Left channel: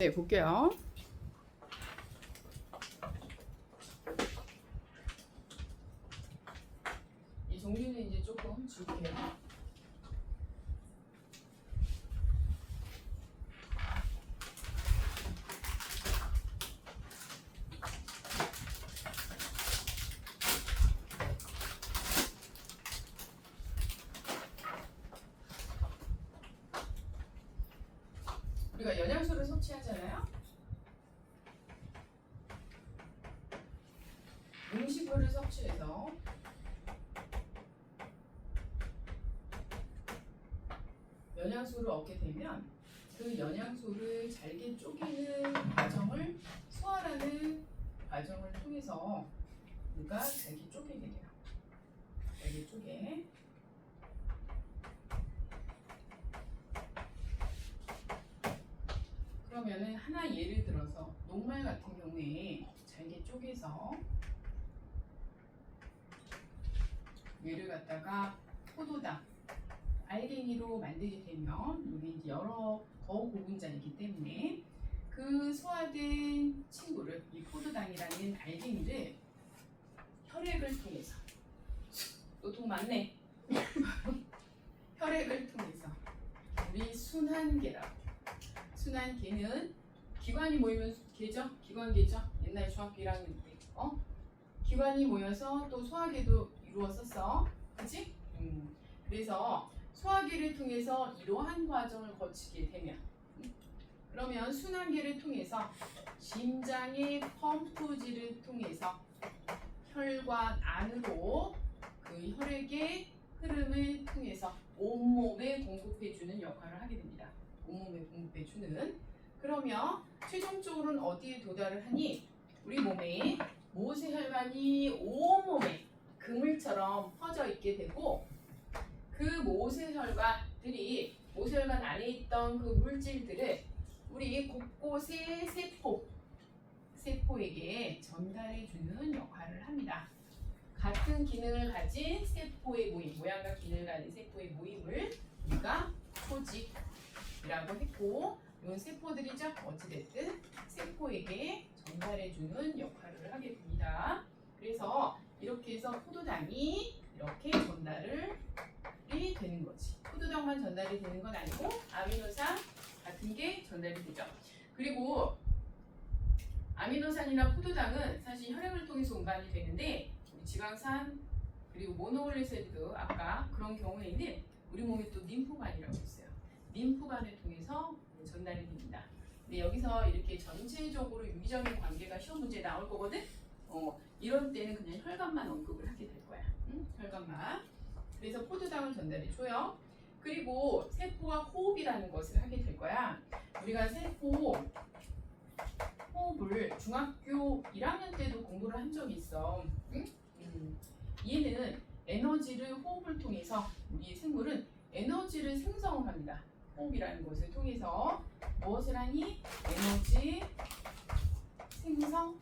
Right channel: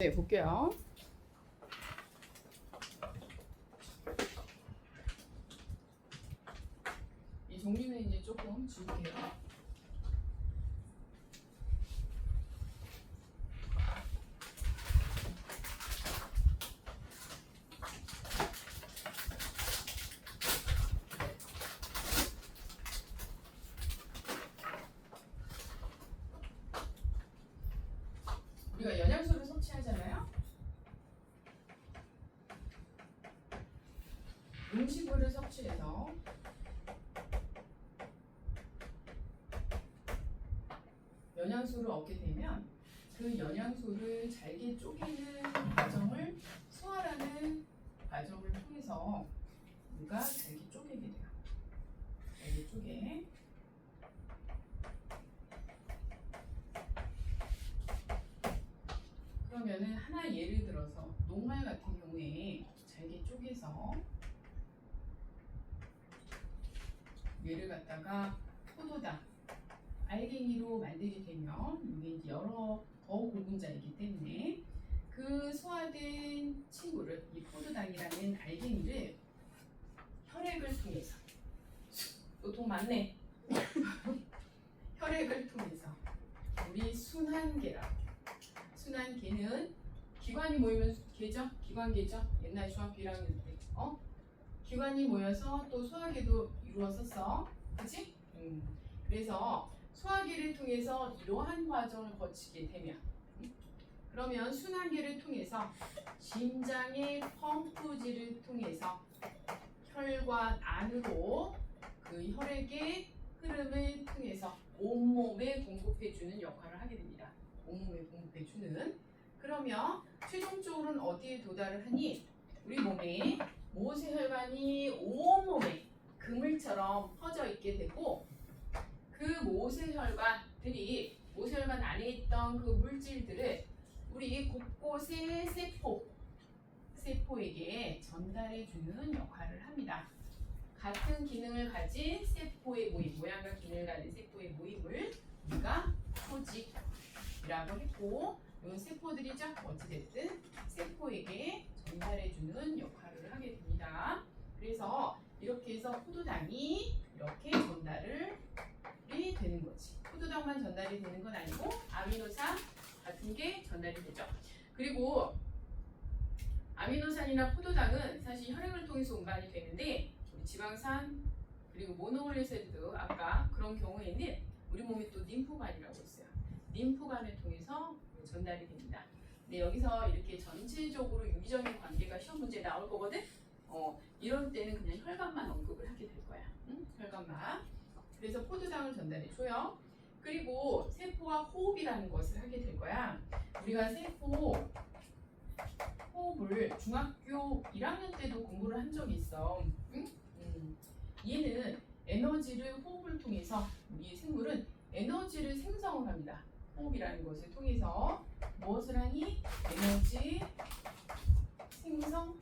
네, 볼게요. 이 종류는 이제 조금 줄게요. 우리가 영양소를 섭취하잖아요. 음식물을 섭취해서 영양소를 얻게 되면 그 영양소를 잘게 쪼개는 과정을 소화라는 과정을 통해서 우리가 잘게 쪼개게 돼요. 잘게 쪼개. 그러면은 하나 예를 들어서 녹말 같은 경우에 잘게 쪼개서 얘를 갖다가 포도당, 알갱이로 만들게 되면 이게 이제 여러 거고분자이기 때문에 그 소화된 친구를 이 포도당이라는 알갱이를 혈액을 통해서 또 돈 많네. 혈액을 통해서 우리 순환계라고. 순환계는 기관이 모이면 계죠? 기관계죠? 옛날 중학교 1학년 때 기관이 모여서 또 소화계도 이루었었어. 그치? 그래서 소화계를 통해서 이러한 과정을 거치게 되면 그러면 순환계를 통해서 심장의 펌프질을 통해서 혈관 안으로 그 혈액의 흐름을 통해서 온몸에 공급해주는 역할을 하게 됩니다. 온몸에 공급해주는. 그러면 최종적으로는 어디에 도달을 하니? 우리 몸에 모세혈관이 온몸에 그물처럼 퍼져 있게 되고 그 모세혈관들이 모세혈관 안에 있던 그 물질들을 우리 곳곳의 세포에게 전달해주는 역할을 합니다. 같은 기능을 가진 세포의 모임, 모양과 기능을 가진 세포의 모임을 우리가 조직이라고 했고 이런 세포들이죠. 어찌됐든 세포에게 전달해주는 역할을 하게 됩니다. 그래서 이렇게 해서 포도당이 이렇게 전달이 되는 거지. 포도당만 전달이 되는 건 아니고 아미노산 같은 게 전달이 되죠. 그리고 아미노산이나 포도당은 사실 혈액을 통해서 운반이 되는데 우리 지방산 그리고 모노글리세리드 아까 그런 경우에는 우리 몸에 또 림프관이라고 있어요. 림프관을 통해서 전달이 됩니다. 근데 여기서 이렇게 전체적으로 유기적인 관계가 시험 문제에 나올 거거든. 이런 때는 그냥 혈관만 언급을 하게 될 거야. 혈관만. 그래서 포도당을 전달해 줘요. 그리고 세포가 호흡이라는 것을 하게 될 거야. 우리가 세포 호흡을 중학교 1학년 때도 공부를 한 적이 있어. 얘는 에너지를 호흡을 통해서 우리 생물은 에너지를 생성을 합니다. 호흡이라는 것을 통해서 무엇을 하니? 에너지 생성이라는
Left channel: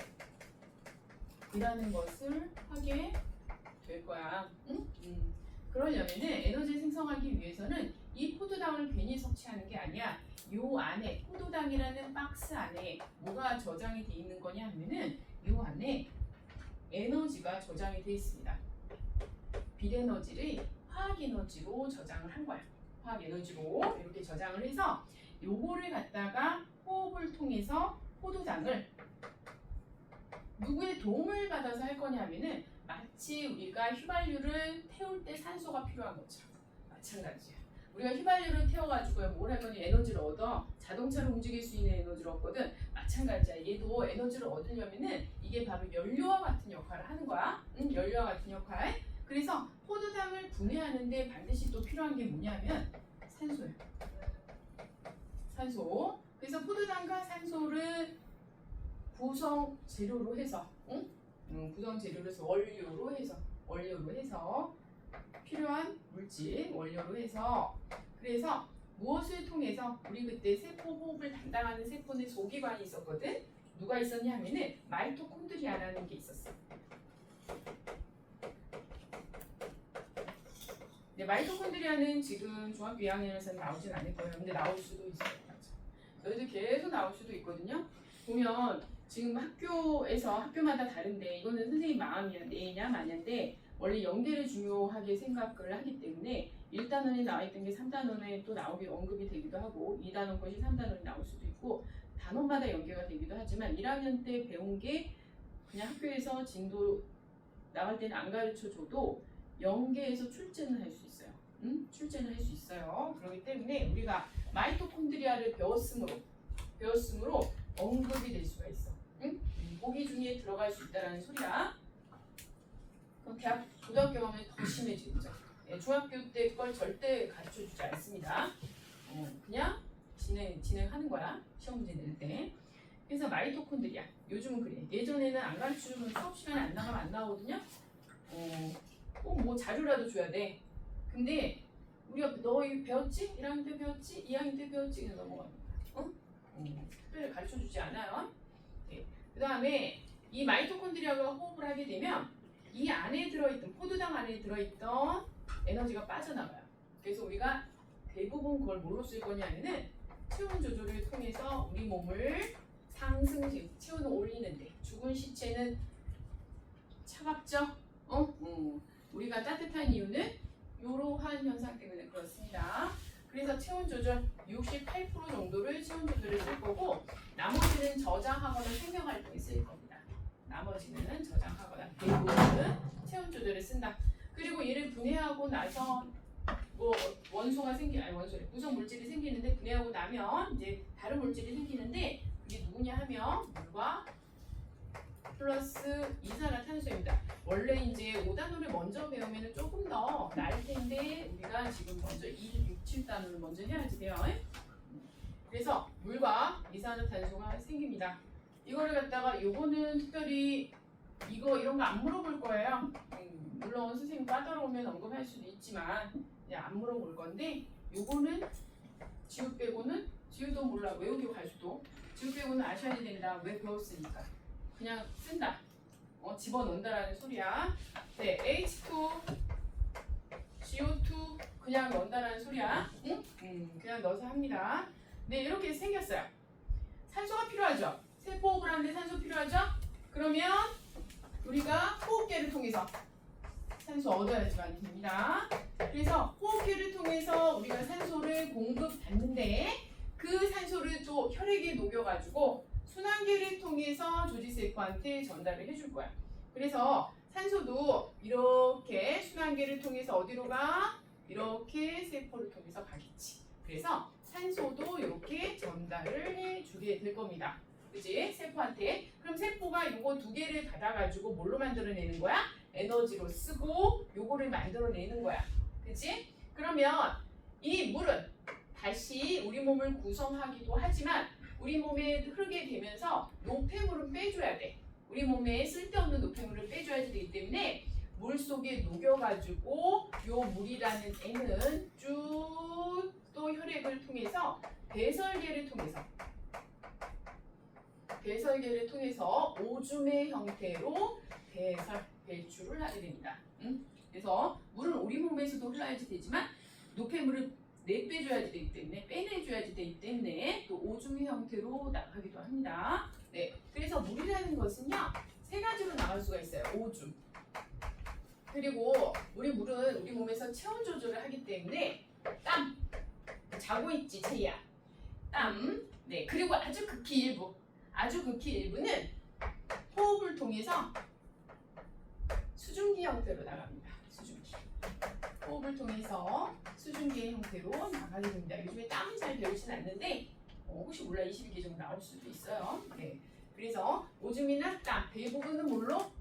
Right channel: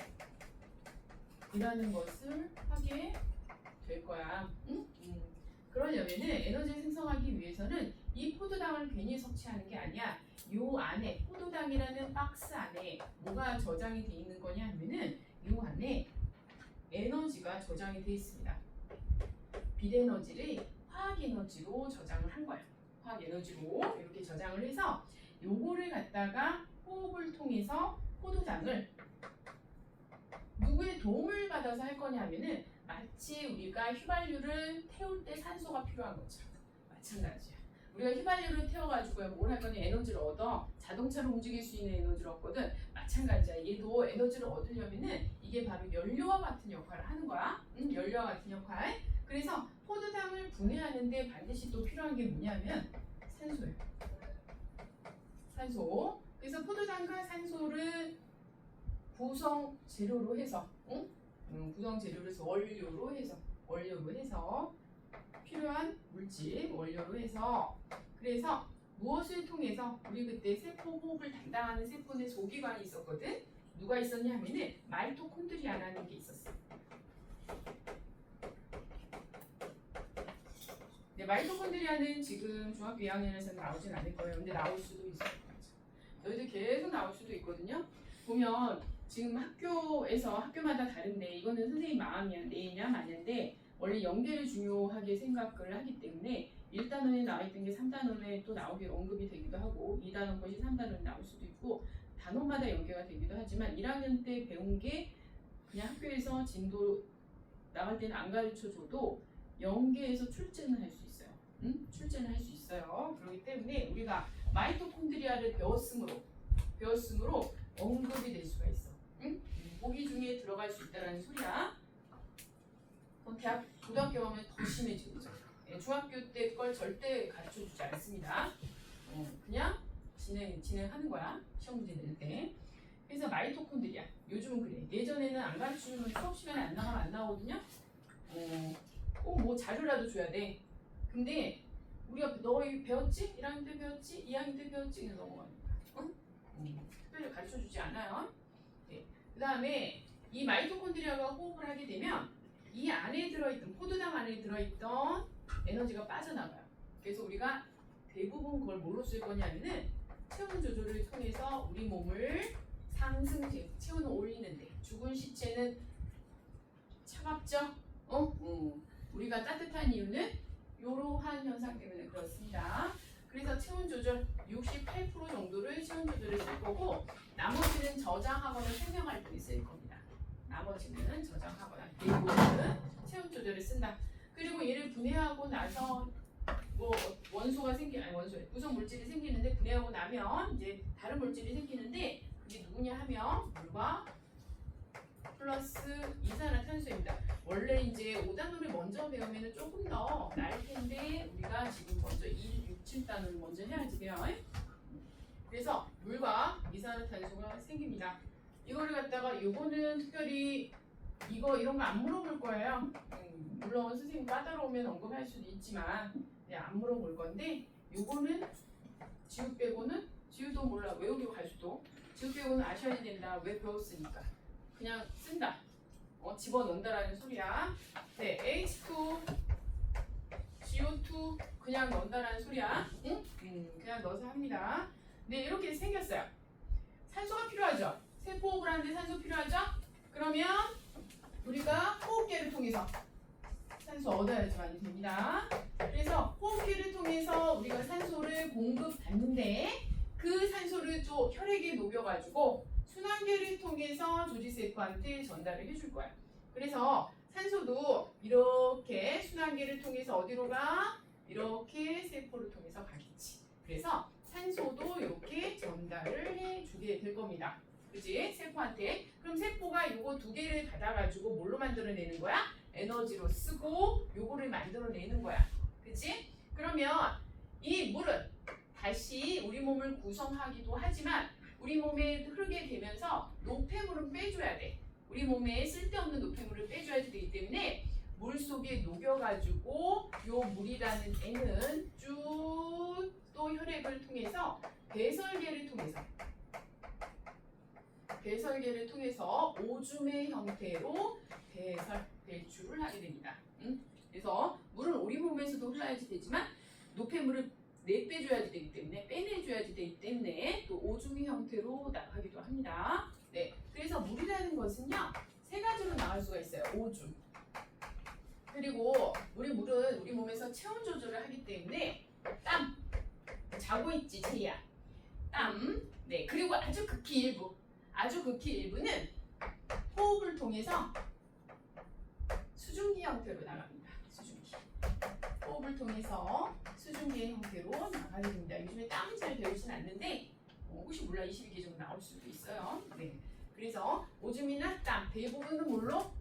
것을 하게 될 거야. 그러려면은 에너지를 생성하기 위해서는 이 포도당을 괜히 섭취하는 게 아니야. 요 안에 포도당이라는 박스 안에 뭐가 저장이 돼 있는 거냐 하면은 요 안에 에너지가 저장이 돼 있습니다. 빛에너지를 화학에너지로 저장을 한 거야. 화학에너지로 이렇게 저장을 해서 요거를 갖다가 호흡을 통해서 포도당을 누구의 도움을 받아서 할 거냐 하면은 마치 우리가 휘발유를 태울 때 산소가 필요한 것처럼 마찬가지야. 우리가 휘발유를 태워가지고 뭘 할 거냐? 에너지를 얻어. 자동차를 움직일 수 있는 에너지를 얻거든. 마찬가지야. 얘도 에너지를 얻으려면은 이게 바로 연료와 같은 역할을 하는 거야. 연료와 같은 역할. 그래서 포도당을 분해하는데 반드시 또 필요한 게 뭐냐면 산소예요. 산소. 그래서 포도당과 산소를 구성 재료로 해서, 구성 재료로 해서 원료로 해서 필요한 물질 원료로 해서 그래서 무엇을 통해서 우리 그때 세포 호흡을 담당하는 세포는 소기관이 있었거든. 누가 있었냐 하면은 마이토콘드리아라는 게 있었어. 네, 마이토콘드리아는 지금 중학교 2학년에서는 나오진 않을 거예요. 근데 나올 수도 있어요. 너희들 계속 나올 수도 있거든요. 보면 지금 학교마다 다른데 이거는 선생님 마음이야. 네냐 마냐인데 원래 연계를 중요하게 생각을 하기 때문에 1단원에 나와 있던 게 3단원에 또 나오게 언급이 되기도 하고 2단원 것이 3단원에 나올 수도 있고 단원마다 연계가 되기도 하지만 1학년 때 배운 게 그냥 학교에서 진도 나갈 때는 안 가르쳐 줘도 연계해서 출제는 할 수 있어요. 출제는 할 수 있어요. 그렇기 때문에 우리가 마이토콘드리아를 배웠으므로 언급이 될 수가 있어. 보기 중에 들어갈 수 있다라는 소리야. 그럼 고등학교 가면 더 심해지죠. 예, 중학교 때 걸 절대 가르쳐 주지 않습니다. 그냥 진행하는 거야. 시험 문제 낼 때. 그래서 마이토콘드리아. 요즘은 그래. 예전에는 안 가르쳐 주면 수업 시간에 안 나가면 안 나오거든요. 꼭 뭐 자료라도 줘야 돼. 근데 우리가 너희 배웠지? 1학년 때 배웠지? 2학년 때 배웠지? 그냥 넘어가니까. 특별히 가르쳐 주지 않아요. 네. 그 다음에 이 마이토콘드리아가 호흡을 하게 되면 이 안에 들어있던 포도당 안에 들어있던 에너지가 빠져나가요. 그래서 우리가 대부분 그걸 뭘로 쓸 거냐면은 체온 조절을 통해서 우리 몸을 체온을 올리는데 죽은 시체는 차갑죠? 우리가 따뜻한 이유는 이러한 현상 때문에 그렇습니다. 그래서 체온 조절 68% 정도를 체온 조절을 쓸 거고 나머지는 저장하거나 생명 활동에 쓸 겁니다. 나머지는 저장하거나 대부분은 체온 조절을 쓴다. 그리고 얘를 분해하고 나서 뭐 구성 물질이 생기는데 분해하고 나면 이제 다른 물질이 생기는데 그게 누구냐 하면 물과 플러스 이산화탄소입니다. 원래 이제 5단원을 먼저 배우면 조금 더 나을 텐데 우리가 지금 먼저 1, 6, 7단원을 먼저 해야지 돼요. 그래서 물과 이산화탄소가 생깁니다. 이거를 갖다가 요거는 특별히 이런 거 안 물어볼 거예요. 물론 선생님 까다로우면 언급할 수도 있지만 안 물어볼 건데 요거는 지읒 빼고는 지읒도 몰라 외우고 갈 수도 지읒 빼고는 아셔야 된다. 왜 배웠으니까 그냥 쓴다. 집어넣는다라는 소리야. 네, H2, CO2 그냥 넣는다라는 소리야. 응? 그냥 넣어서 합니다. 네, 이렇게 생겼어요. 산소가 필요하죠. 세포 호흡을 하는데 산소 필요하죠. 그러면 우리가 호흡기를 통해서 산소 얻어야지만 됩니다. 그래서 호흡기를 통해서 우리가 산소를 공급받는데 그 산소를 또 혈액에 녹여가지고 순환계를 통해서 조직세포한테 전달을 해줄 거야. 그래서 산소도 이렇게 순환계를 통해서 어디로 가? 이렇게 세포를 통해서 가겠지. 그래서 산소도 이렇게 전달을 해주게 될 겁니다. 그치? 세포한테. 그럼 세포가 요거 두 개를 받아가지고 뭘로 만들어내는 거야? 에너지로 쓰고 요거를 만들어내는 거야. 그치? 그러면 이 물은 다시 우리 몸을 구성하기도 하지만 우리 몸에 흐르게 되면서 노폐물은 빼줘야 돼. 우리 몸에 쓸데없는 노폐물을 빼줘야 되기 때문에 물 속에 녹여가지고 요 물이라는 애는 쭉 또 혈액을 통해서 배설계를 통해서 오줌의 형태로 배출을 하게 됩니다. 그래서 물은 우리 몸에서도 흘러야지 되지만 노폐물을 내빼줘야지 되기 때문에 빼내줘야지 되기 때문에 또 오줌의 형태로 나가기도 합니다. 네, 그래서 물이라는 것은요 세 가지로 나갈 수가 있어요. 오줌. 그리고 우리 물은 우리 몸에서 체온 조절을 하기 때문에 땀. 자고 있지 제이야. 땀. 네, 그리고 아주 극히 일부는 호흡을 통해서 수증기 형태로 나갑니다. 수증기. 호흡을 통해서 수증기의 형태로 나가게 됩니다. 요즘에 땀은 잘 배우진 않는데 혹시 몰라 22개 정도 나올 수도 있어요. 네, 그래서 오줌이나 땀 대부분은 물로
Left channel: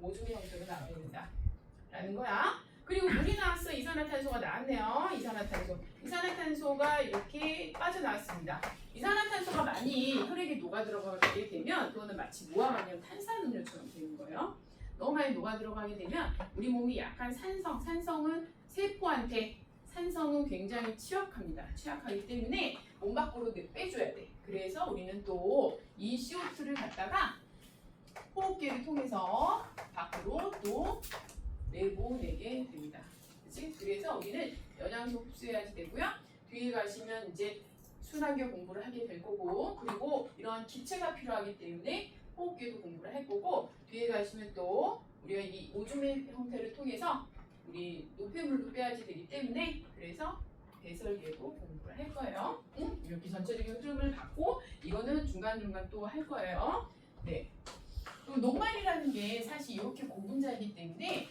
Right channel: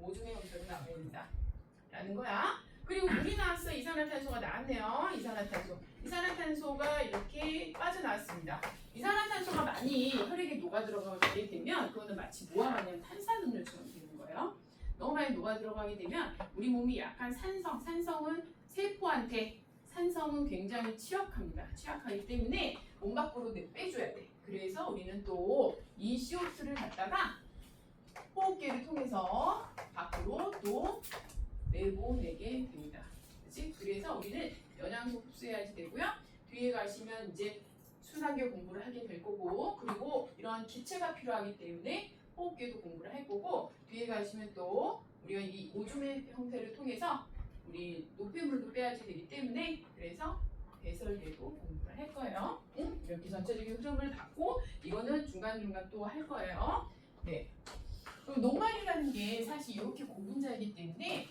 오줌의 형태로 나가야 된다 라는 거야. 그리고 물이 나왔어. 이산화탄소가 나왔네요. 이산화탄소가 이렇게 빠져나왔습니다. 이산화탄소가 많이 혈액에 녹아 들어가게 되면 그거는 마치 뭐와 같냐면 탄산음료처럼 되는 거예요. 너무 많이 녹아 들어가게 되면 우리 몸이 약한 산성은 세포한테 산성은 굉장히 취약하기 때문에 몸 밖으로 빼줘야 돼. 그래서 우리는 또 이 CO2를 갖다가 호흡기를 통해서 밖으로 또 내보내게 됩니다. 그치? 그래서 우리는 영양소 흡수해야지 되고요. 뒤에 가시면 이제 순환계 공부를 하게 될 거고, 그리고 이런 기체가 필요하기 때문에 호흡계도 공부를 할 거고, 뒤에 가시면 또 우리가 이 오줌의 형태를 통해서 우리 노폐물도 빼야지 되기 때문에 그래서 배설계도 공부를 할 거예요. 응? 이렇게 전체적인 흐름을 받고 이거는 중간중간 또 할 거예요. 네. 그리고 녹말이라는 게 사실 이렇게 고분자이기 때문에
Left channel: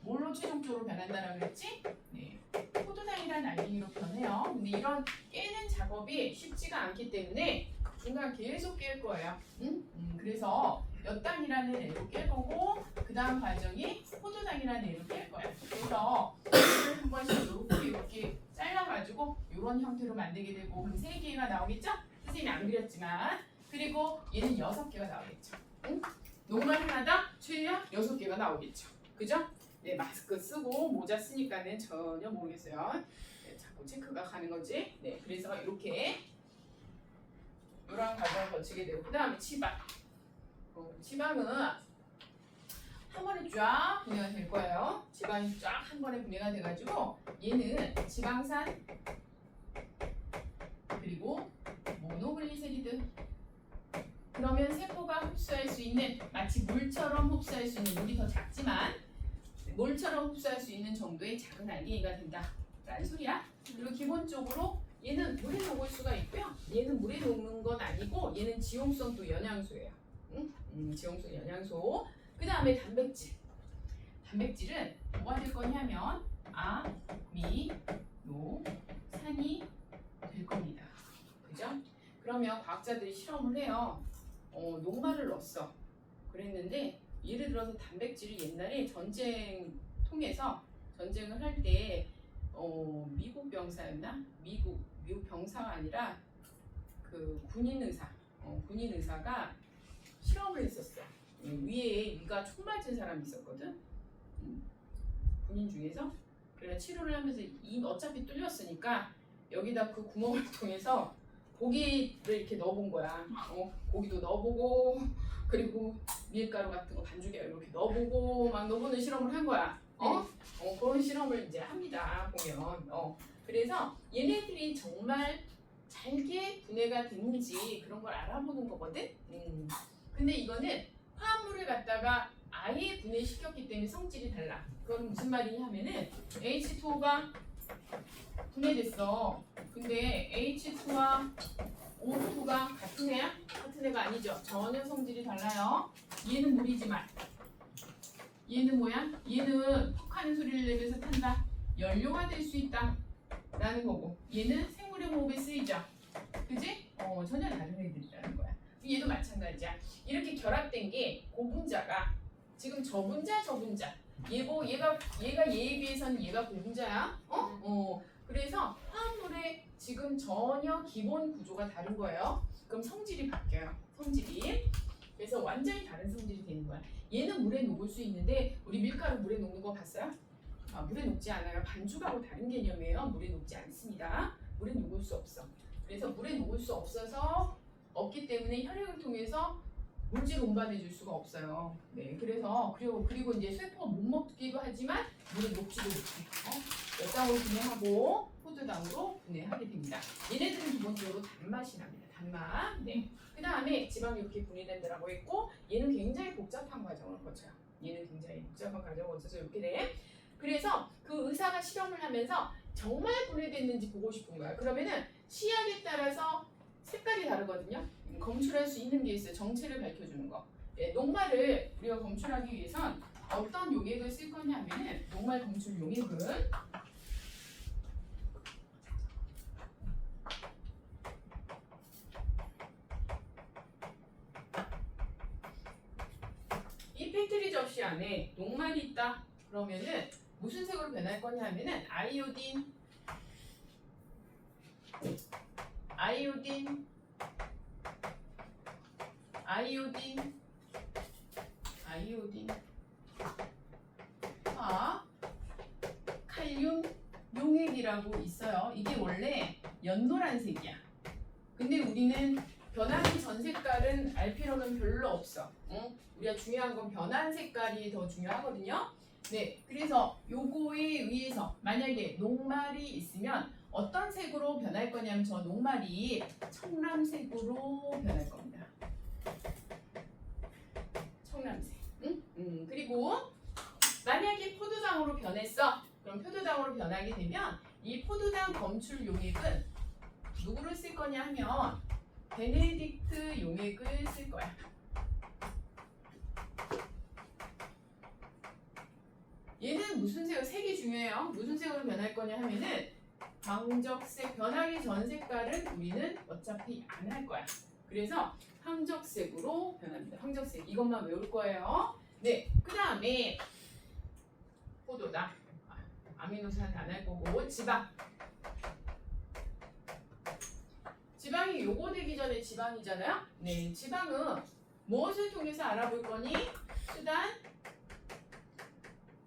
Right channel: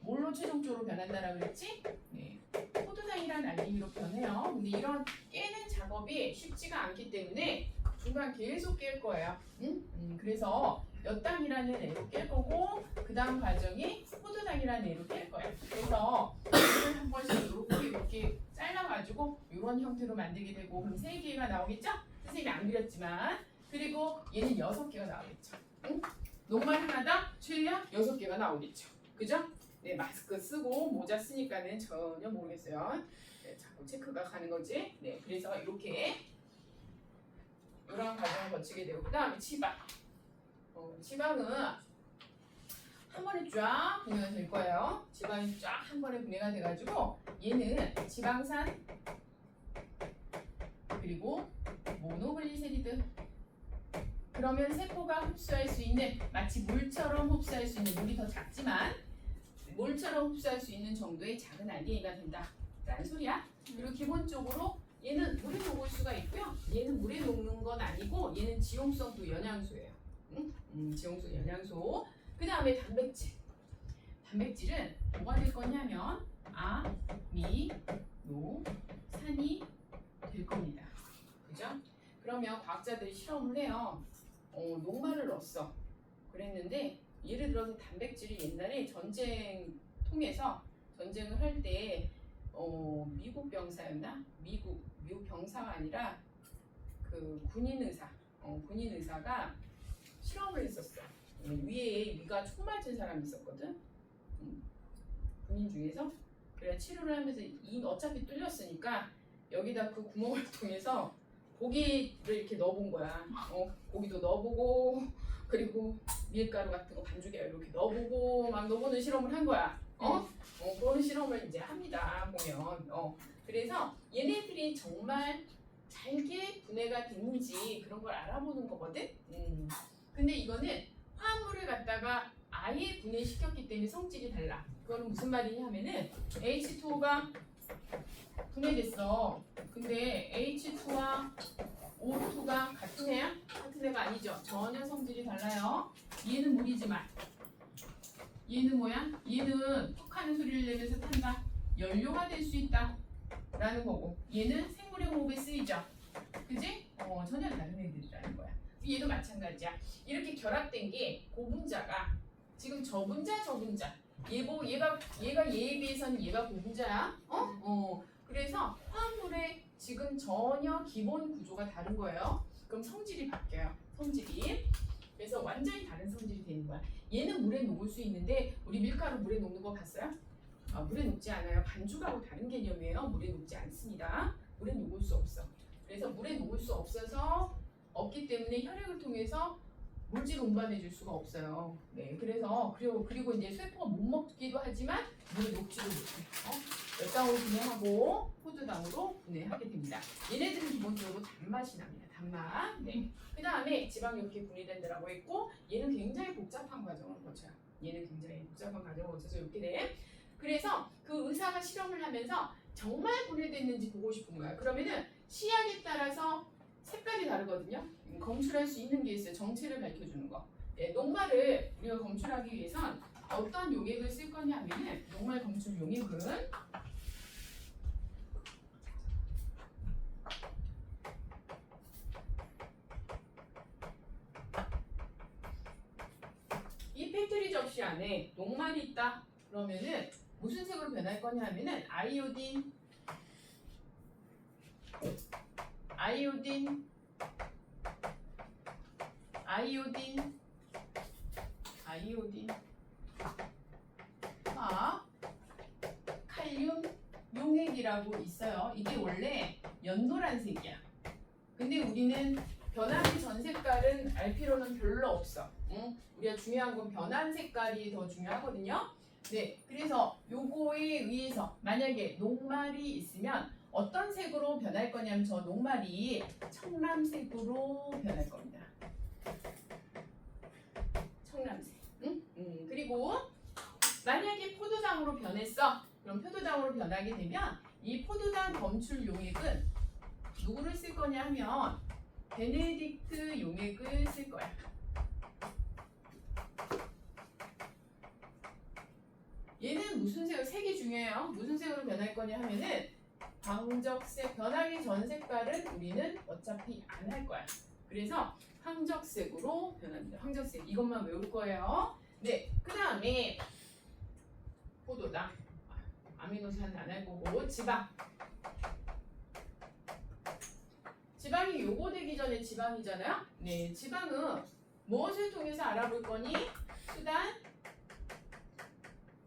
뭘로 최종적으로 변한다라고 그랬지? 네. 포도당이라는 알갱이로 변해요. 근데 이런 깨는 작업이 쉽지가 않기 때문에 중간 계속 깰 거예요. 응? 그래서 엿당이라는 애로 깰 거고 그 다음 과정이 포도당이라는 애로 깰 거예요. 그래서 이걸 한 번씩 이렇게 잘라가지고 이런 형태로 만들게 되고 그럼 3개가 나오겠죠? 선생님이 안 그렸지만 그리고 얘는 6개가 나오겠죠. 응? 녹말 하나당 최대한 6개가 나오겠죠. 그죠? 네, 마스크 쓰고 모자 쓰니까는 전혀 모르겠어요. 네, 자꾸 체크가 가는 거지. 네, 그래서 이렇게 이런 과정을 거치게 되고 그 다음에 치박. 지방은 한 번에 쫙 분해가 될 거예요. 지방이 쫙 한 번에 분해가 돼가지고 얘는 지방산 그리고 모노글리세리드. 그러면 세포가 흡수할 수 있는 마치 물처럼 흡수할 수 있는 물이 더 작지만 물처럼 흡수할 수 있는 정도의 작은 알갱이가 된다라는 소리야. 그리고 기본적으로 얘는 물에 녹을 수가 있고요. 얘는 물에 녹는 건 아니고 얘는 지용성 또 영양소예요. 지용성 영양소. 그 다음에 단백질. 단백질은 뭐가 될 거냐면 아미노산이 될 겁니다. 그죠? 그러면 과학자들이 실험을 해요. 녹말을 넣었어. 그랬는데 예를 들어서 단백질을 옛날에 전쟁 통해서 전쟁을 할 때 미국 병사였나? 미국 병사가 아니라 그 군인 의사가 실험을 했었어. 위가 총 맞은 사람이 있었거든. 군인 중에서. 그래 치료를 하면서 어차피 뚫렸으니까 여기다 그 구멍을 통해서 고기를 이렇게 넣어본 거야. 고기도 넣어보고 그리고 밀가루 같은 거 반죽에 이렇게 넣어보고 막 넣어보는 실험을 한 거야. 그런 실험을 이제 합니다. 보면. 그래서 얘네들이 정말 잘게 분해가 됐는지 그런 걸 알아보는 거거든. 근데 이거는 화합물을 갖다가 아예 분해시켰기 때문에 성질이 달라. 그건 무슨 말이냐 하면은 H2O가 분해됐어. 근데 H2와 O2가 같은 애야? 같은 애가 아니죠. 전혀 성질이 달라요. 얘는 물이지만 얘는 뭐야? 얘는 톡 하는 소리를 내면서 탄다. 연료가 될 수 있다 라는 거고 얘는 생물의 호흡에 쓰이죠. 그지? 전혀 다른 애들이라는 거야. 얘도 마찬가지야. 이렇게 결합된 게 고분자가 지금 저분자 얘가 얘에 비해서는 얘가 고분자야. 그래서 화합물의 지금 전혀 기본 구조가 다른 거예요. 그럼 성질이 바뀌어요. 성질이. 그래서 완전히 다른 성질이 되는 거야. 얘는 물에 녹을 수 있는데 우리 밀가루 물에 녹는 거 봤어요? 물에 녹지 않아요. 반죽하고 다른 개념이에요. 물에 녹지 않습니다. 물에 녹을 수 없어. 그래서 물에 녹을 수 없기 때문에 혈액을 통해서 물질 운반해 줄 수가 없어요. 네, 그래서 그리고 이제 세포가 못 먹기도 하지만 물에 녹지도 못해요. 엿당으로 분해하고 포도당으로 분해하게 됩니다. 얘네들은 기본적으로 단맛이 납니다. 단맛. 네. 그 다음에 지방이 이렇게 분해된다라고 했고 얘는 굉장히 복잡한 과정을 거쳐요. 얘는 굉장히 복잡한 과정을 거쳐서 이렇게 돼. 그래서 그 의사가 실험을 하면서 정말 분해됐는지 보고 싶은 거야. 그러면은 시약에 따라서 색깔이 다르거든요. 검출할 수 있는 게 있어요. 정체를 밝혀주는 거. 네, 녹말을 우리가 검출하기 위해선 어떤 용액을 쓸 거냐면은 녹말 검출 용액은 이 페트리 접시 안에 녹말이 있다. 그러면은 무슨 색으로 변할 거냐면은 아이오딘 칼륨 용액이라고 있어요. 이게 원래 연노란색이야. 근데 우리는 변하기 전 색깔은 알 필요는 별로 없어. 우리가 중요한 건 변한 색깔이 더 중요하거든요. 네, 그래서 요거에 의해서 만약에 녹말이 있으면 어떤 색으로 변할 거냐면 저 녹말이 청람색으로 변할 겁니다. 청람색. 응? 그리고 만약에 포도당으로 변했어. 그럼 포도당으로 변하게 되면 이 포도당 검출 용액은 누구를 쓸 거냐 하면 베네딕트 용액을 쓸 거야. 얘는 무슨 색이 중요해요. 무슨 색으로 변할 거냐 하면은 황적색. 변하기 전 색깔은 우리는 어차피 안 할 거야. 그래서 황적색으로 변합니다. 황적색. 이것만 외울 거예요. 네. 그 다음에 포도당. 아미노산 안 할 거고 지방. 지방이 요거 되기 전에 지방이잖아요. 네. 지방은 무엇을 통해서 알아볼 거니? 수단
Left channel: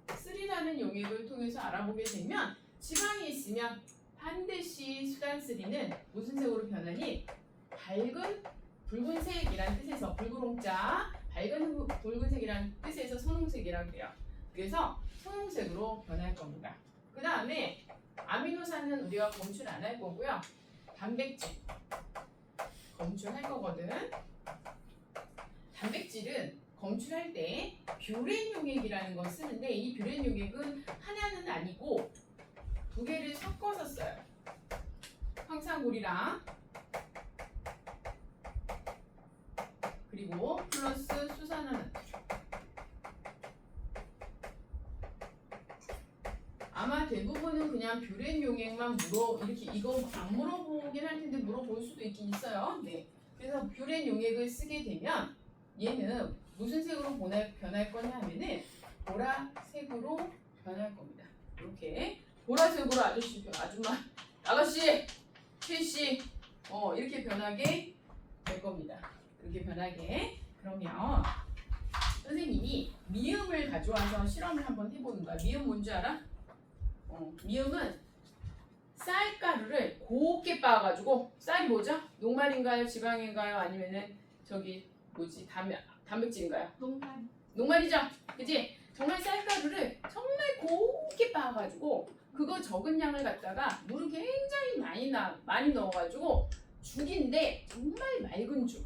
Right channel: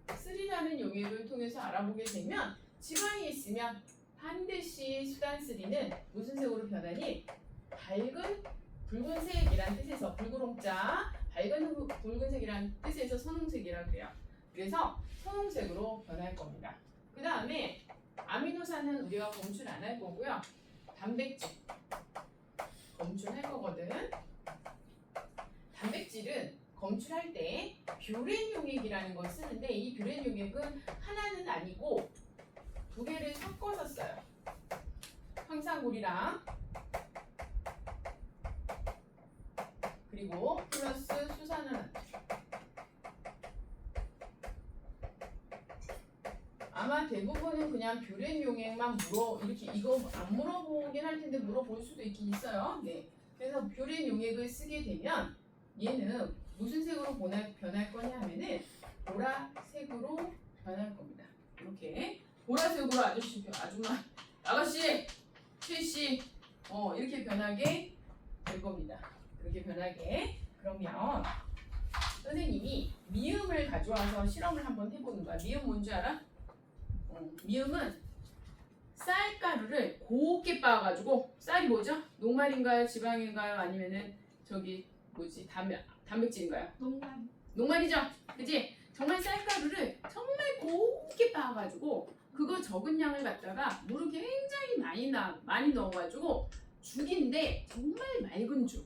3라는 용액을 통해서 알아보게 되면 지방이 있으면 반드시 수단 3는 무슨 색으로 변하니? 밝은 붉은색이란 뜻에서 붉은홍자 밝은 붉은색이란 뜻에서 선홍색이라고 그래요. 그래서 선홍색으로 변할 겁니다. 그 다음에 아미노산은 우리가 검출 안 할 거고요. 단백질 검출할 거거든. 단백질은 검출할 때 뷰렌 용액이라는 걸 쓰는데 이 뷰렌 용액은 하나는 아니고 두 개를 섞어서 써요. 황산물이랑 그리고 플러스 수산화나트륨. 아마 대부분은 그냥 뷰렌 용액만 이렇게 이거 안 물어보긴 할 텐데 물어볼 수도 있긴 있어요. 네. 그래서 뷰렌 용액을 쓰게 되면 얘는 무슨 색으로 변할 거냐 하면은 보라색으로 변할 겁니다. 이렇게 보라색으로 아가씨, 최씨, 이렇게 변하게 될 겁니다. 이렇게 변하게. 그러면 선생님이 미음을 가져와서 실험을 한번 해보는 거야. 미음 뭔지 알아? 미음은 쌀가루를 곱게 빻아가지고 쌀이 뭐죠? 녹말인가요? 지방인가요? 아니면은 저기 뭐지? 단백질인가요? 녹말이죠? 그치? 정말 쌀가루를 정말 곱게 빻아가지고 그거 적은 양을 갖다가 물을 굉장히 많이 넣어가지고 죽인데 정말 맑은 죽.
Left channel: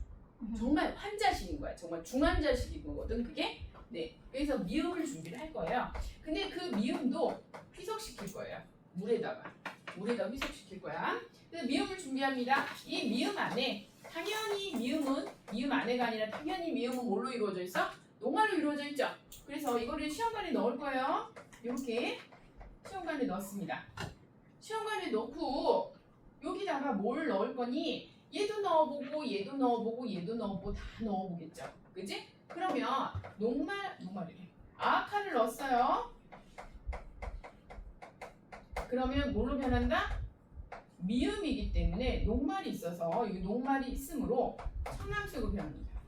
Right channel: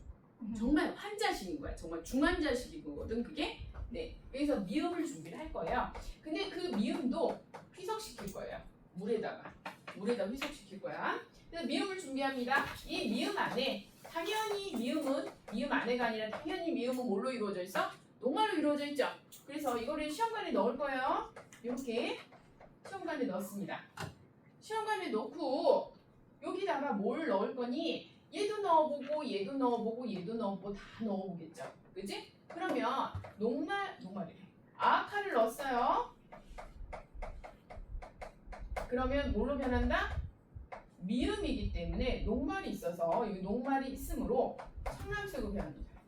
정말 환자식인 거야. 정말 중환자식이거든 그게. 네. 그래서 미음을 준비를 할 거예요. 근데 그 미음도 희석시킬 거예요. 물에다가 희석시킬 거야. 그래서 미음을 준비합니다. 이 미음 안에 당연히 미음 안에가 아니라 당연히 미음은 뭘로 이루어져 있어? 녹말로 이루어져 있죠. 그래서 이거를 시험관에 넣을 거예요. 이렇게 시험관에 넣습니다. 시험관에 넣고 여기다가 뭘 넣을 거니? 얘도 넣어보고 얘도 넣어보고 얘도 넣어보고 다 넣어보겠죠. 그지? 그러면 녹말이래. 아아카를 넣었어요. 그러면 뭘로 변한다? 미음이기 때문에 녹말이 있어서 이 녹말이 있으므로 청람색으로 변합니다.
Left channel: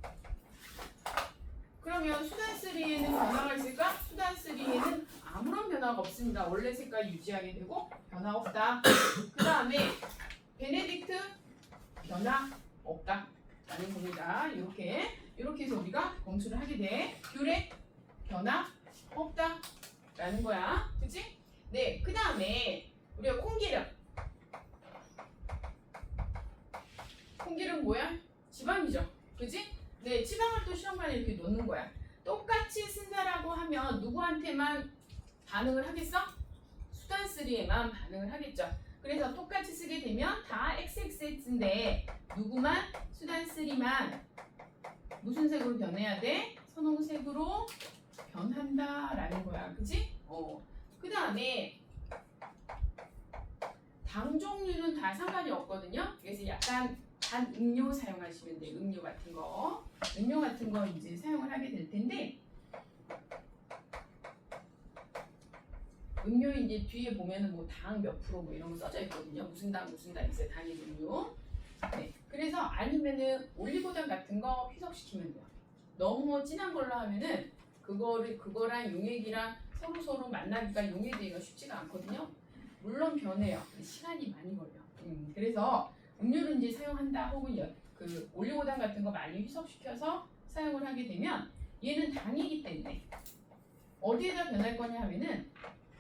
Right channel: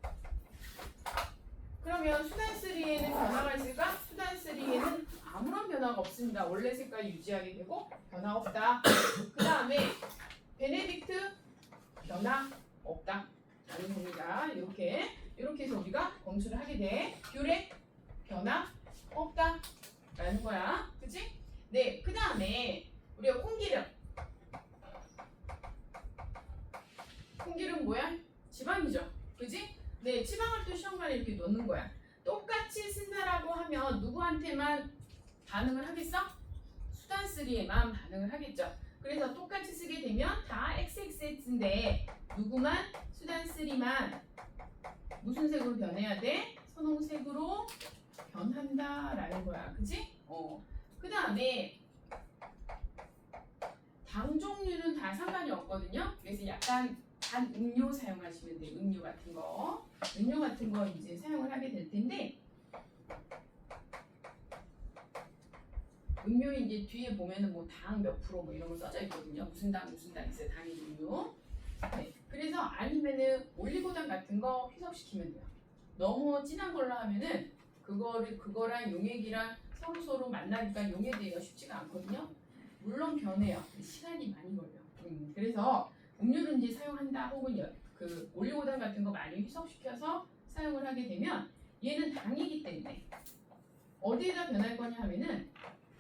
그러면 수단3에는 변화가 있을까? 수단3에는 아무런 변화가 없습니다. 원래 색깔 유지하게 되고 변화 없다. 그 다음에 베네딕트 변화 없다 라는 겁니다. 이렇게 해서 우리가 검출을 하게 돼. 뷰레 변화 없다 라는 거야. 그치? 네, 그 다음에 우리가 콩기름 뭐야? 지방이죠. 그치? 네, 지방을 또 시험관에 이렇게 넣는 거야. 똑같이 쓴다라고 하면 누구한테만 반응을 하겠어? 수단3에만 반응을 하겠죠. 그래서 똑같이 쓰게 되면 다 XXX인데 누구만? 수단3만 무슨 색으로 변해야 돼? 선홍색으로 변한다라는 거야. 그치? 그 다음에 당 종류는 다 상관이 없거든요. 그래서 약간 단 음료 사용하시면 돼요. 음료 같은 거 이제 사용을 하게 될 텐데 음료 이제 뒤에 보면은 뭐 당 몇 프로 뭐 이런 거 써져 있거든요. 무슨 당 있어요. 당의 종류. 네. 그래서 아니면은 올리고당 같은 거 희석시키면 돼요. 너무 진한 걸로 하면은 그거랑 용액이랑 서로 만나니까 용해되기가 쉽지가 않거든요. 물론 변해요. 시간이 많이 걸려. 그래서 음료를 이제 사용한다 혹은 그 올리고당 같은 거 많이 희석시켜서 사용을 하게 되면 얘는 당이기 때문에 어디에다 변할 거냐 하면은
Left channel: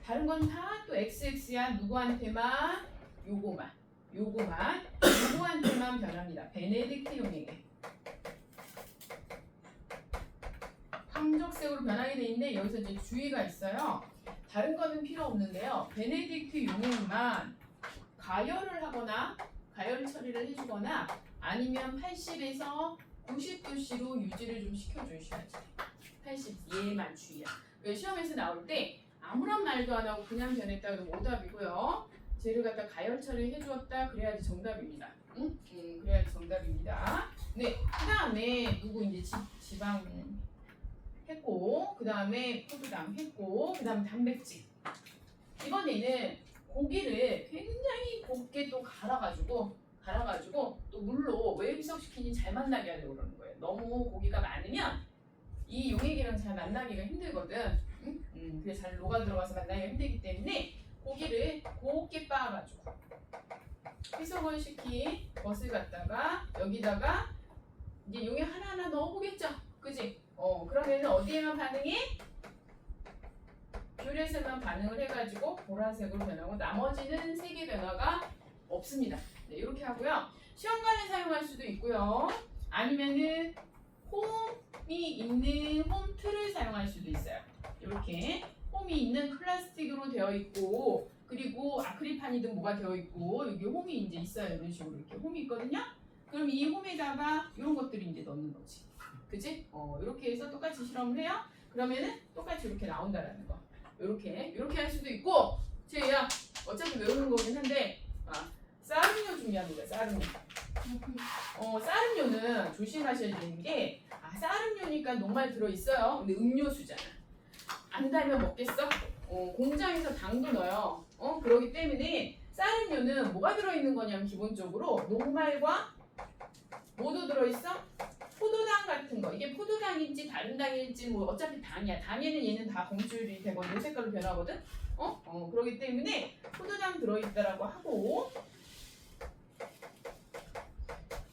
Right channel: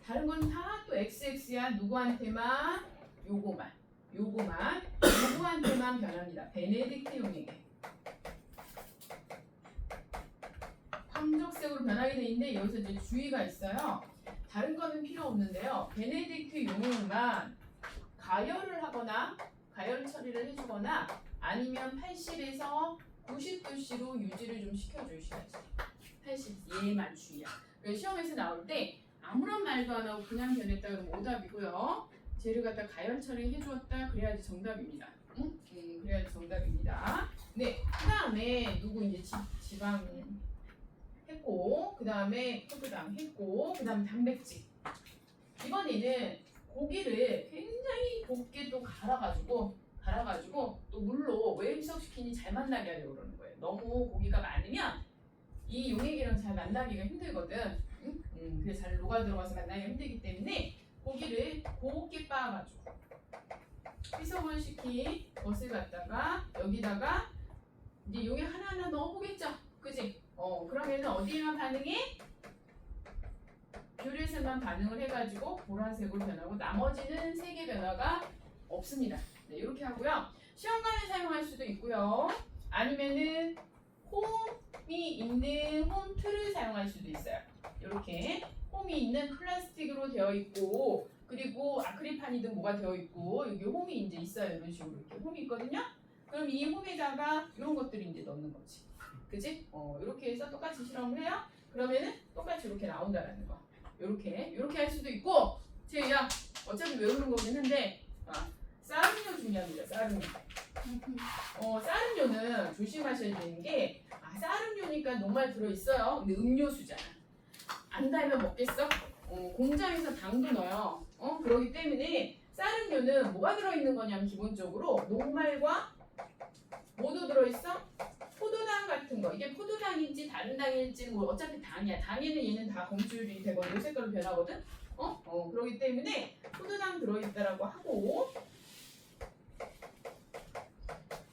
다른 건 다 또 XX야. 누구한테만? 요거한테만 변합니다. 베네딕트 용액에 황적색으로 변하게 돼 있는데 여기서 이제 주의가 있어요. 다른 거는 필요 없는데요. 베네딕트 용액만 가열을 하거나 가열 처리를 해주거나 아니면 80에서 90도씨로 유지를 좀 시켜주셔야지. 80 얘만 주의야. 시험에서 나올 때 아무런 말도 안 하고 그냥 변했다 그러면 오답이고요. 쟤를 갖다 가열 처리 해주었다 그래야지 정답입니다. 응? 그래야지 정답입니다. 네, 그 다음에 누구 이제 지방 했고, 그 다음에 포도당 했고, 그 다음에 단백질. 이번에는 고기를 굉장히 곱게 또 갈아가지고 또 물로 왜 희석시키니 잘 만나게 하려고 그러는 거예요. 너무 고기가 많으면 이 용액이랑 잘 만나기가 힘들거든. 그래서 잘 녹아 들어가서 만나기가 힘들기 때문에 고기를 곱게 빻아가지고 희석을 시킨 것을 갖다가 여기다가 이제 용액 하나하나 넣어보겠죠. 그지? 그러면 어디에만 반응해? 뷰렛에만 반응을 해가지고 보라색으로 변하고 나머지는 색의 변화가 없습니다. 네, 이렇게 하고요. 시험관에 사용할 수도 있고요. 아니면은 홈이 있는 홈틀을 사용할 수도 있어요. 이렇게 홈이 있는 플라스틱으로 되어 있고 그리고 아크릴판이든 뭐가 되어 있고 여기 홈이 이제 있어요. 이런 식으로 이렇게 홈이 있거든요. 그럼 이 홈에다가 이런 것들을 이제 넣는 거지. 그지? 이렇게 해서 똑같이 실험을 해요. 그러면은 똑같이 이렇게 나온다라는 거. 이렇게 할 수도 있고 제가 어차피 외우는 거긴 한데 쌀음료 중요합니다. 쌀음료. 쌀음료는 조심하셔야 되는 게 쌀음료니까 녹말 들어있어요. 근데 음료수잖아. 안 달면 먹겠어? 공장에서 당도 넣어요. 그러기 때문에 쌀음료는 뭐가 들어있는 거냐면 기본적으로 녹말과 뭐도 들어있어? 포도당 같은 거. 이게 포도당인지 다른 당일지 뭐 어차피 당이야. 당에는 얘는 다 검출이 되거든. 요 색깔로 변하거든. 그러기 때문에 포도당 들어있다라고 하고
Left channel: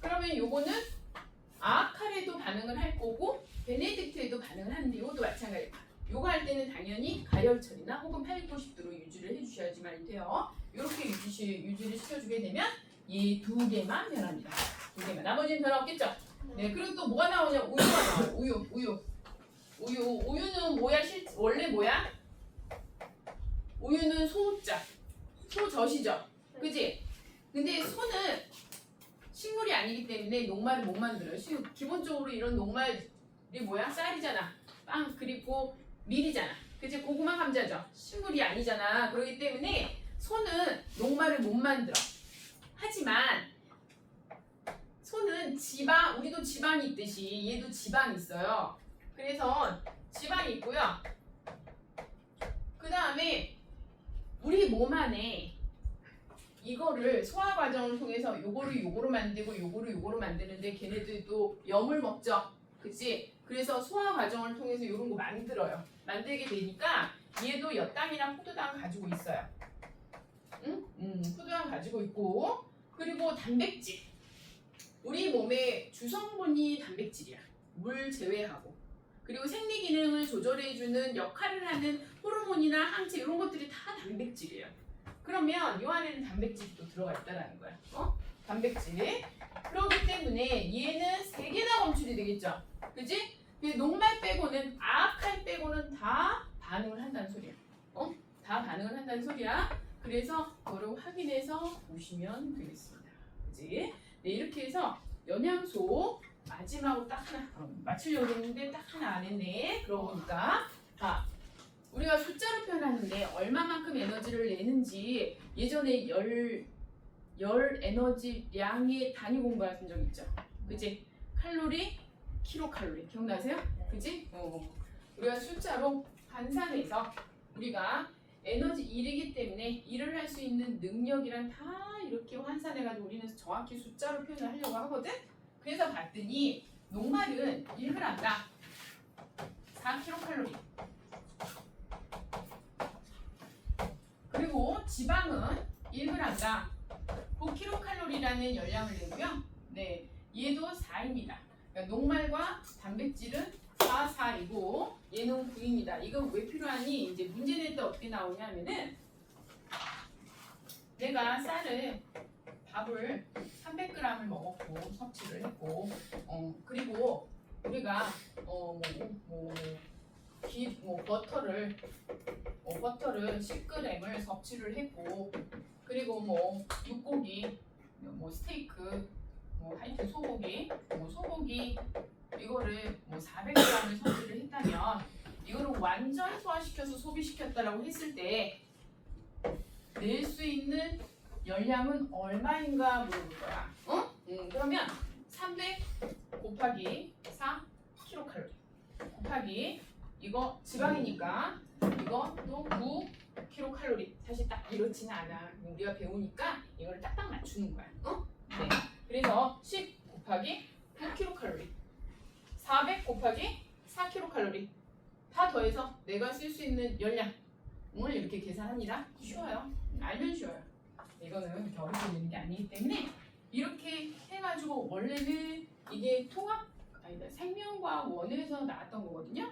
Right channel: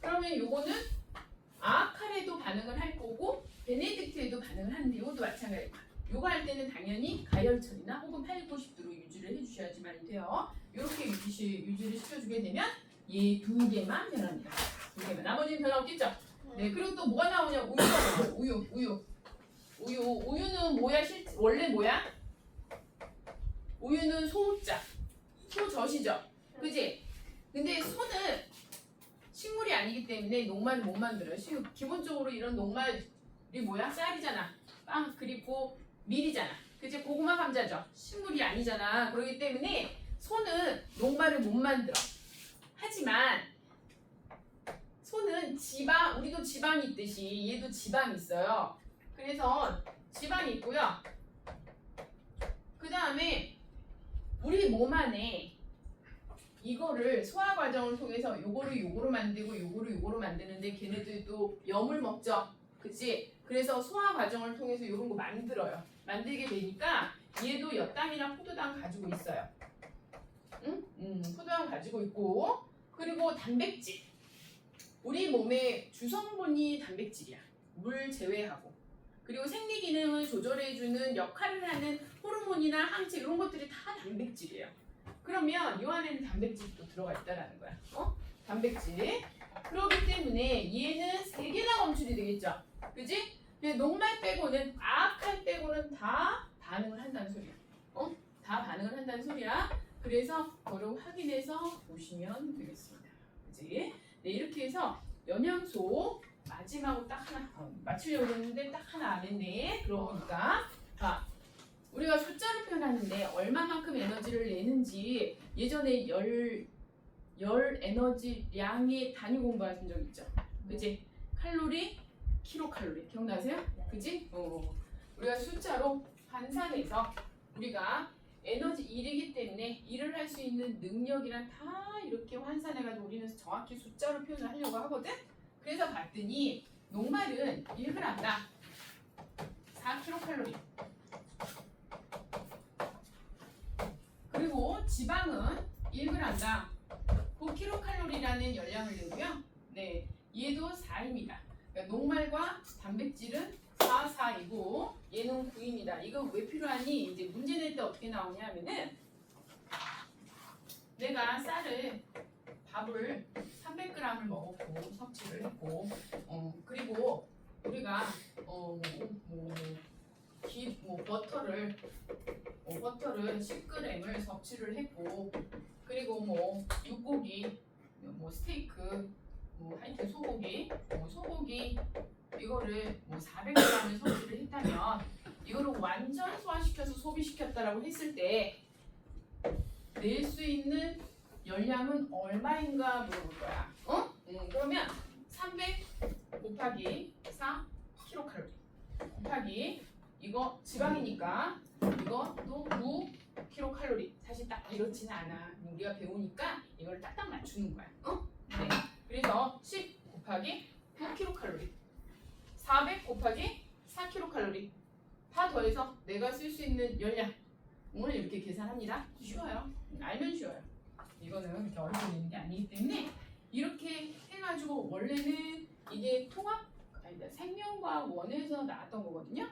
그러면 요거는 아아칼에도 반응을 할 거고 베네딕트에도 반응을 하는데 이것도 마찬가지예요. 요거 할 때는 당연히 가열 처리나 혹은 8, 90도로 유지를 해주셔야지만 돼요. 이렇게 유지를 시켜주게 되면 얘 두 개만 변합니다. 두 개만. 나머지는 변화 없겠죠? 네. 그리고 또 뭐가 나오냐? 우유가 나와요. 우유는 뭐야? 원래 뭐야? 우유는 소자. 소젖이죠. 그지? 근데 소는 식물이 아니기 때문에 녹말을 못 만들어요. 기본적으로 이런 녹말이 뭐야? 쌀이잖아. 빵 그리고 밀이잖아. 그치? 고구마 감자죠. 식물이 아니잖아. 그렇기 때문에 소는 녹말을 못 만들어. 하지만 소는 지방, 우리도 지방이 있듯이 얘도 지방이 있어요. 그래서 지방이 있고요. 그 다음에 우리 몸 안에 이거를 소화 과정을 통해서 요거로 만들고 요거로 만드는데 걔네들도 염을 먹죠. 그치? 그래서 소화 과정을 통해서 이런 거 만들어요. 만들게 되니까 얘도 엿당이나 포도당 가지고 있어요. 응? 포도당 가지고 있고 그리고 단백질. 우리 몸의 주성분이 단백질이야. 물 제외하고. 그리고 생리 기능을 조절해주는 역할을 하는 호르몬이나 항체 이런 것들이 다 단백질이에요. 그러면 이 안에는 단백질이 또 들어가 있다라는 거야. 단백질. 그렇기 때문에 얘는 3개나 검출이 되겠죠. 그지? 녹말 빼고는 아칼 빼고는 다 반응을 한다는 소리야. 다 반응을 한다는 소리야. 그래서 그걸 확인해서 보시면 되겠습니다. 그지? 네, 이렇게 해서 영양소 마지막으로 딱 하나 맞추려고 했는데 딱 하나 안 했네. 그러고 보니까 우리가 숫자로 표현하는데 얼마만큼 에너지를 내는지 예전에 열 에너지량의 단위 공부하신 적 있죠? 그지? 칼로리, 킬로칼로리 기억나세요? 그지? 우리가 숫자로 환산해서 우리가 에너지 1이기 때문에 일을 할 수 있는 능력이란 다 이렇게 환산해가지고 우리는 정확히 숫자로 표현을 하려고 하거든? 그래서 봤더니 녹말은 1g당 4kcal 그리고 지방은 1g당 9kcal라는 열량을 내고요. 네, 얘도 4입니다. 그러니까 녹말과 단백질은 4, 4이고 얘는 9입니다. 이건 왜 필요하니? 이제 문제 낼 때 어떻게 나오냐면은 내가 쌀을 밥을 300g을 먹었고 섭취를 했고 그리고 우리가 버터를 10g을 섭취를 했고 그리고 육고기 스테이크 하여튼 소고기 이거를 400g을 섭취를 했다면 이거를 완전 소화시켜서 소비시켰다라고 했을 때 낼 수 있는 열량은 얼마인가 물어볼 거야. 그러면 300 곱하기 4 킬로칼로리 곱하기 이거 지방이니까 이거 또 9 킬로칼로리. 사실 딱 이렇지는 않아. 우리가 배우니까 이걸 딱딱 맞추는 거야. 네. 그래서 10 곱하기 9 킬로칼로리 400 곱하기 4 킬로칼로리 다 더해서 내가 쓸 수 있는 열량을 이렇게 계산합니다. 쉬워요. 알면 쉬워요. 이거는 그렇게 어렵게 되는 게 아니기 때문에 이렇게 해가지고 원래는 이게 생명과학 1에서 나왔던 거거든요.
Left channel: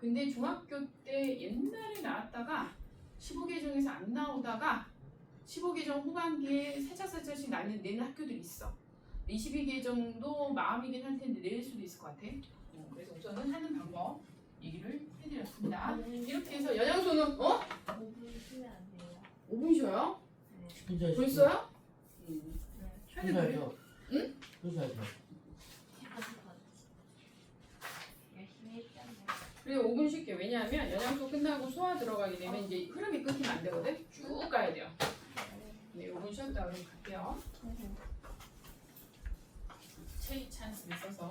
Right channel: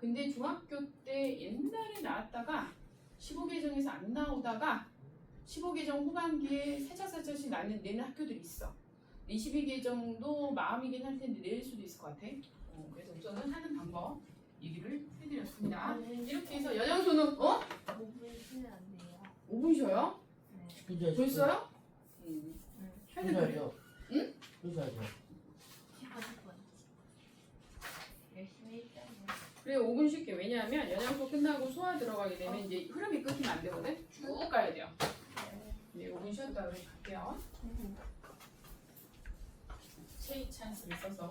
근데 중학교 때 옛날에 나왔다가 15개정에서 안 나오다가 15개정 후반기에 살짝씩 내는 학교들이 있어. 22개정도 마음이긴 할 텐데 낼 수도 있을 것 같아. 그래서 우선은 하는 방법 얘기를 해드렸습니다. 이렇게 해서 영양소는 5분 쉬면 안 돼요. 5분 쉬어요? 네. 벌써요? 응. 응? 10분. 열심히 했잖아요. 그래 5분 쉴게. 왜냐하면 영양소 끝나고 소화 들어가게 되면 이제 흐름이 끊기면 안 되거든. 쭉 가야 돼요. 네 5분 쉬었다 그러면 갈게요. 체이 찬스를 써서